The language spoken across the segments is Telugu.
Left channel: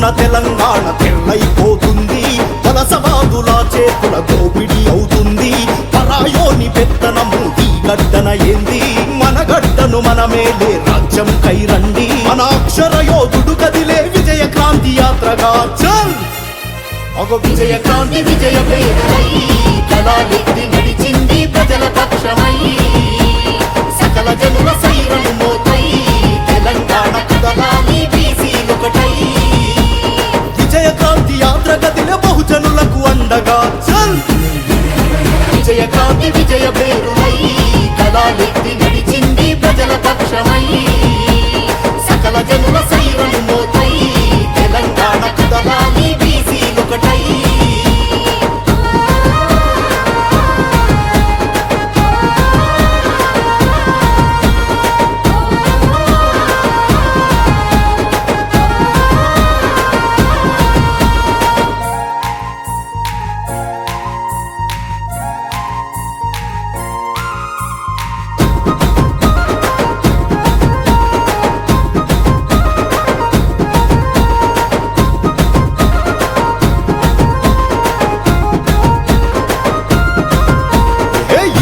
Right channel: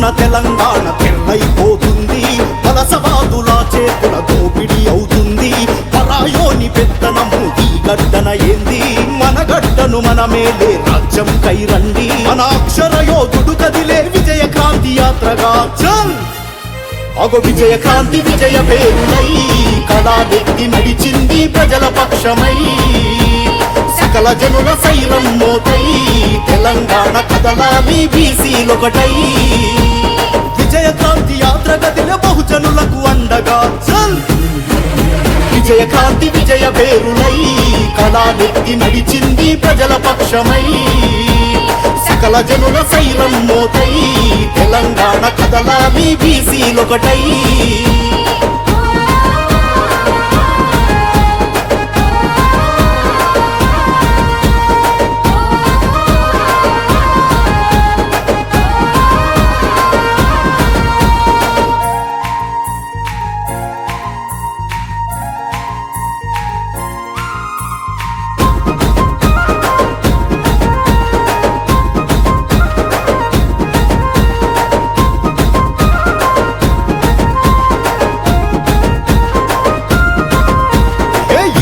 రోజున తెలంగాణ తెల్లైపోతుంది, వలసవాదుల చేతుల దోపిడీ అవుతుంది. పరాయోని పెత్తనము ఈ గడ్డన ఏంది, మన గడ్డను మన మేలే రాజ్యం కైరండి. మన అక్షర యోధుడు కదిలే విజయ క్రాంతి యాత్రగా చల్. అగో విజయ క్రాంతి విజయ పేరునై కళానిధి నడిచింది ప్రజల పక్షమై. సకల జనుల సైరం మోతై తెలంగాణ కదలాలి బీసీలొకటై. విజయ క్రాంతి యాత్ర గదిలే బహుజనులకు అండగా చల్. విజయ క్రాంతి విజయ పేరునై కళానిధి నడిచింది ప్రజల పక్షమై. సకల జనుల సైరం మోతై తెలంగాణ కదలాలి బీసీలొకటై.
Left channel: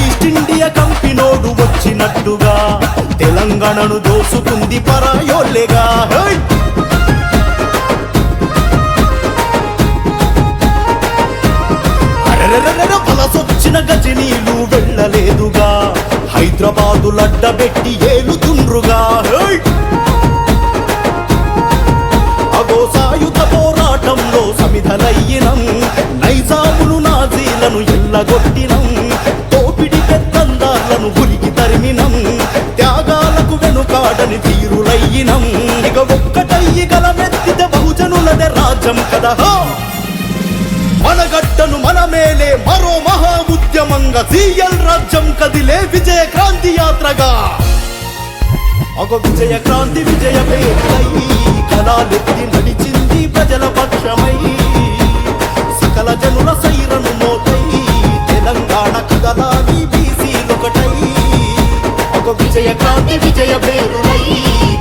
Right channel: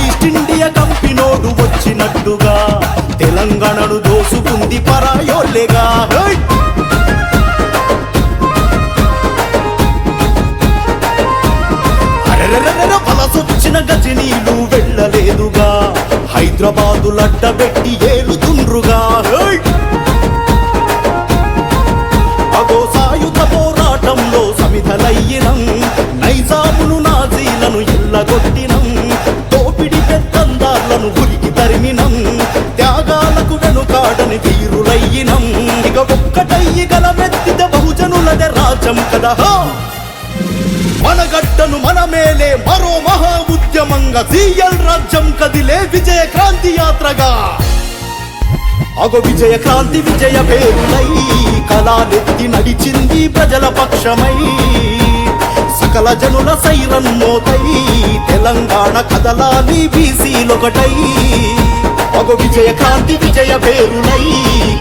ఈస్ట్ ఇండియా కంపెనోడు వచ్చినట్టుగా తెలంగాణను దోసుకుంది పరాయోళ్ళేగా. అరెరెరెర వలసొచ్చిన గజనీలు వెళ్ళలేదుగా, హైదరాబాదు లడ్డబెట్టి ఏలుతుండ్రుగా. అగో సాయుధ పోరాటంలో సమిధలయ్యినం, నైజామును నాజీలను ఎల్లగొట్టినం. దోపిడి పెద్దందార్లను ఉరికి తరిమినం, త్యాగాలకు వెనుకాడని ధీరులయ్యినం. ఇక ఒక్కటయ్యి గలమెత్తితే బహుజనులదే రాజ్యం కదా. మన గడ్డను మన మేలే మరో మహా ఉద్యమంగా సీఎల్ రాజ్యం కదిలే విజయ క్రాంతి యాత్రగా. అగో విజయ క్రాంతి విజయ పేరునై కళానిధి నడిచింది ప్రజల పక్షమై. సకల జనుల సైరం మోతై తెలంగాణ కదలాలి బీసీలొకటై. అగో విజయ క్రాంతి విజయ పేరునై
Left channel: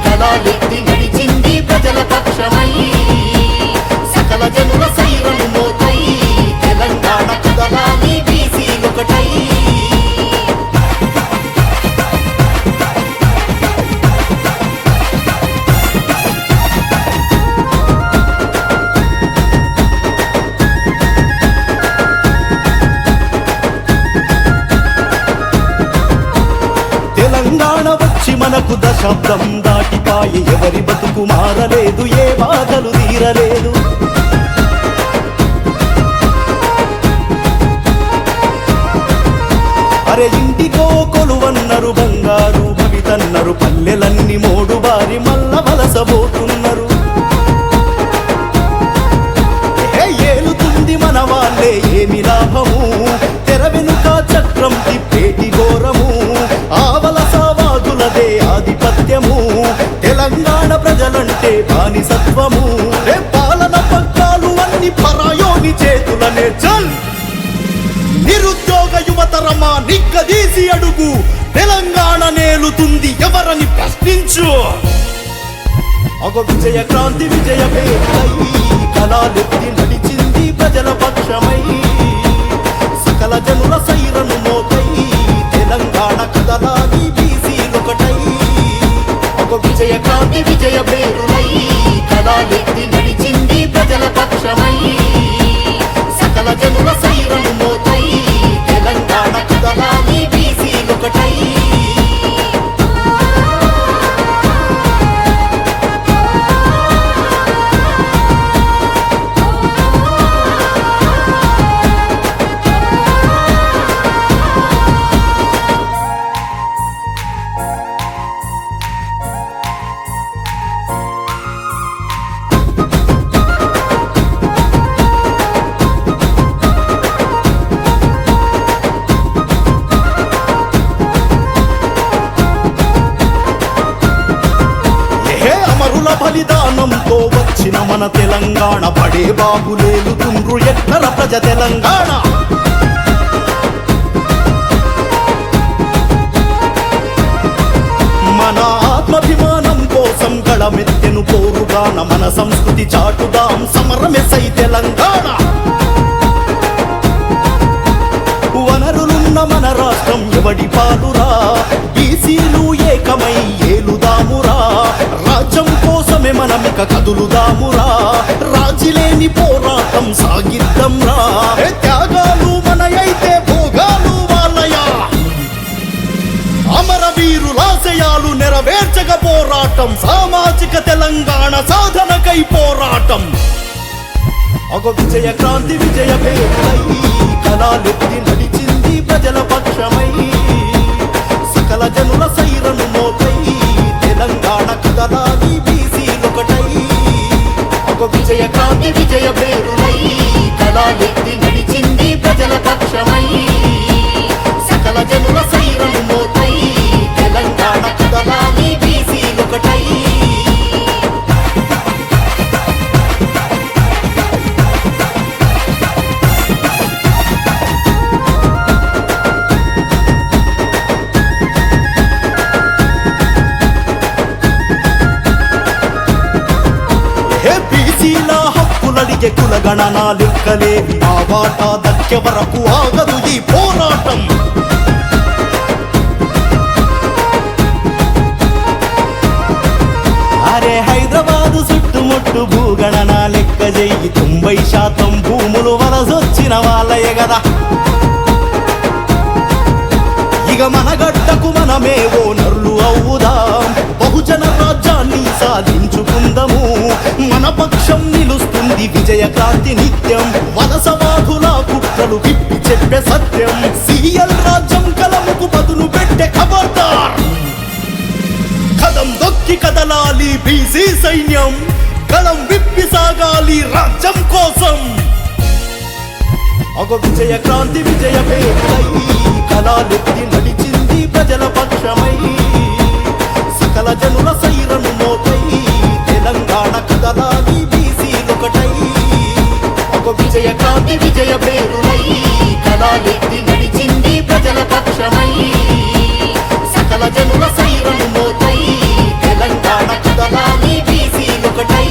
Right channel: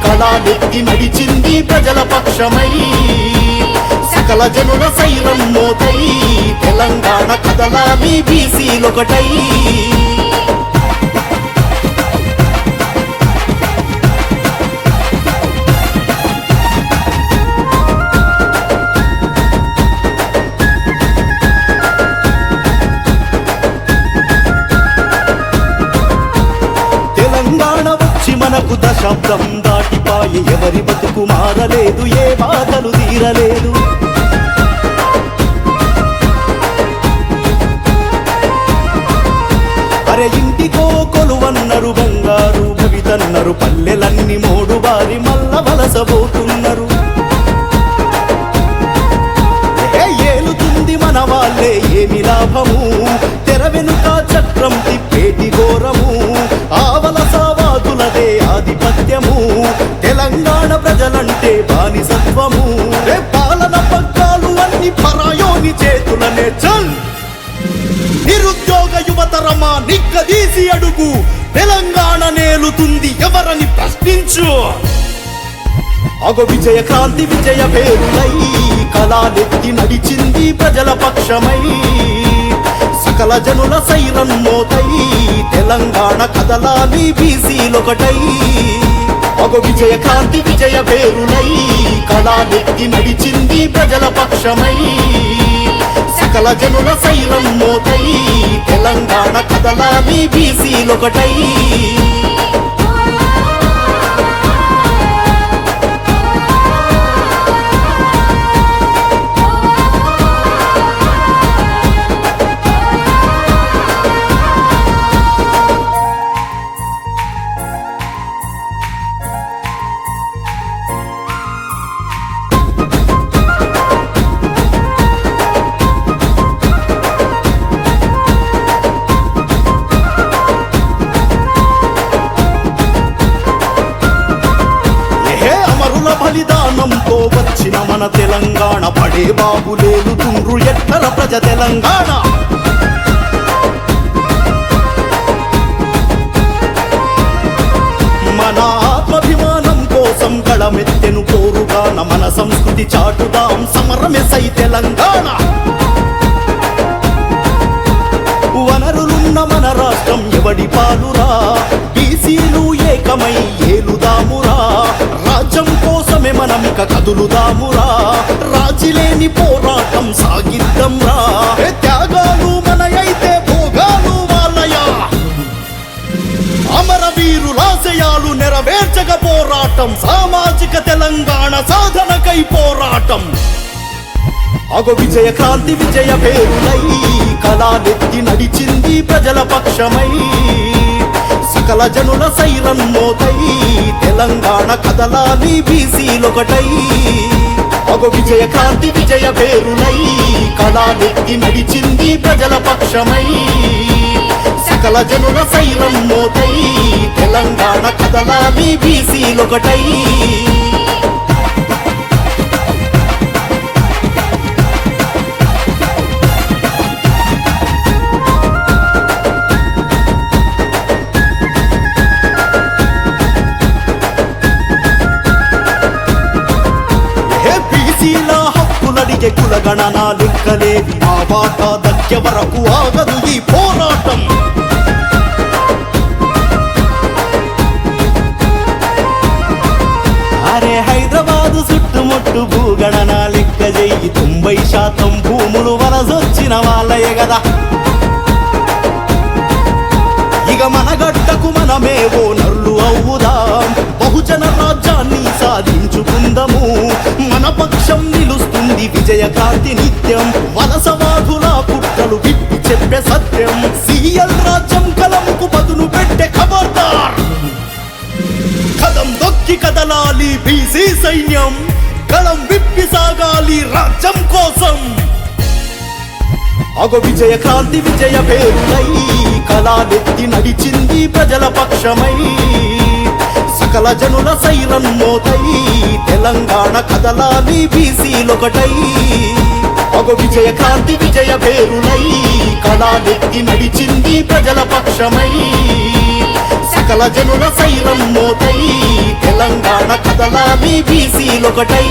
కళానిధి నడిచింది ప్రజల పక్షమై. సకల జనుల సైరం మోతై తెలంగాణ కదలాలి బీసీలొకటై. తెలంగాణ వచ్చి మనకు దశాబ్దం దాటిపాయే, ఎవరి బతుకు మారలేదు, ఏ బాధలు తీరలేదు. అరే ఇంటికో కొలువన్నరు, బంగారు భవితన్నరు, పల్లెలన్నీ మోడు బారి మల్ల వలసబోతున్నారు. ఏలుతుంది మన వాళ్ళే ఏమి లాభము, తెర వెనుక చక్రం తిప్పేటి ఘోరము. ఆవలసవాదులదే ఆధిపత్యము, తెలంగాణ ప్రజలంటే బానిసత్వము. రే పాలన పగ్గాలు అన్ని పరాయోని చేతులనే చల్. నిరుద్యోగ యువతరమా నిగ్గదీసి అడుగు, తెలంగాణ నేలుతుంది ఎవరని ప్రశ్నించు. అగో విజయ క్రాంతి విజయ పేరునై కళానిధి నడిచింది ప్రజల పక్షమై. సకల జనుల సైరం మోతై తెలంగాణ కదలాలి బీసీలొకటై. అగో విజయ క్రాంతి విజయ పేరునై కళానిధి నడిచింది ప్రజల పక్షమై. సకల జనుల సైరం మోతై తెలంగాణ కదలాలి బీసీలొకటై. అమరుల బలిదానంతో వచ్చిన మన తెలంగాణ, పడే బాబులేలుతుండ్రు ఎట్లర ప్రజ తెలంగాణ. మన ఆత్మాభిమానం కోసం గళమెత్తెను పోరుగాన మన సంస్కృతి చాటుదాం సమరమెసై తెలంగాణ వనరులున్న మన రాష్ట్రం ఎవడి పాలురా బీసీలు ఏకమై ఏలుదామురా రాజ్యం కోసమే మనమిక కదులుదామురా రాజీలేని పోరాటం సాగిద్దంరా త్యాగాలు మనయైతే భోగాలు వాళ్ళయా అమరవీరులాశయాలు నెరవేర్చక పోరాటం సామాజిక తెలంగాణ సాధనకై పోరాటం అగో విజయ కాంతి విజయ పేరునై కళానెత్తి నడిచింది ప్రజల పక్షమై సకల జనుల సైరన్ మోతై తెలంగాణ కదలాది బీసీలొకటై అగో విజయ కాంతి విజయ పేరునై కళానెత్తి నడిచింది ప్రజల పక్షమై సకల జనుల సైరన్ మోతై తెలంగాణ కదలాది బీసీలొకటై బీసీల హక్కులడిగే కులగణన లెక్కలేవి ఆ వాటా దక్కే వరకు ఆగదు ఈ పోరాటం అరే హైదరాబాదు చుట్టుముట్టు భూగణన లెక్క చెయ్యి 90% భూములు వలసొచ్చిన వాళ్ళయే గదా ఇక మన గడ్డకు మనమే ఓ నరులు అవుదాం బహుజన రాజ్యాన్ని సాధించుకుందాము మన పక్షం నిలుస్తుంది విజయకాంతి నిత్యం వలసవాదుల కుట్రలు విప్పి చెప్పే సత్యం సిఎల్ రాజ్యం కలముకు పదును పెట్టే ఖబర్దార్ కదం దొక్కి కదలాలి బీసీ సైన్యం కలం విప్పి సాగాలి రాజ్యం కోసం అగో విజయకాంతి విజయ పేరునై కళానెత్తి నడిచింది ప్రజల పక్షమై సకల జనుల సైరన్ మోతై తెలంగాణ కదలాది బీసీలొకటై అగో విజయకాంతి విజయ పేరునై కళానెత్తి నడిచింది ప్రజల పక్షమై సకల జనుల సైరన్ మోతై తెలంగాణ కదలాది బీసీలొకటై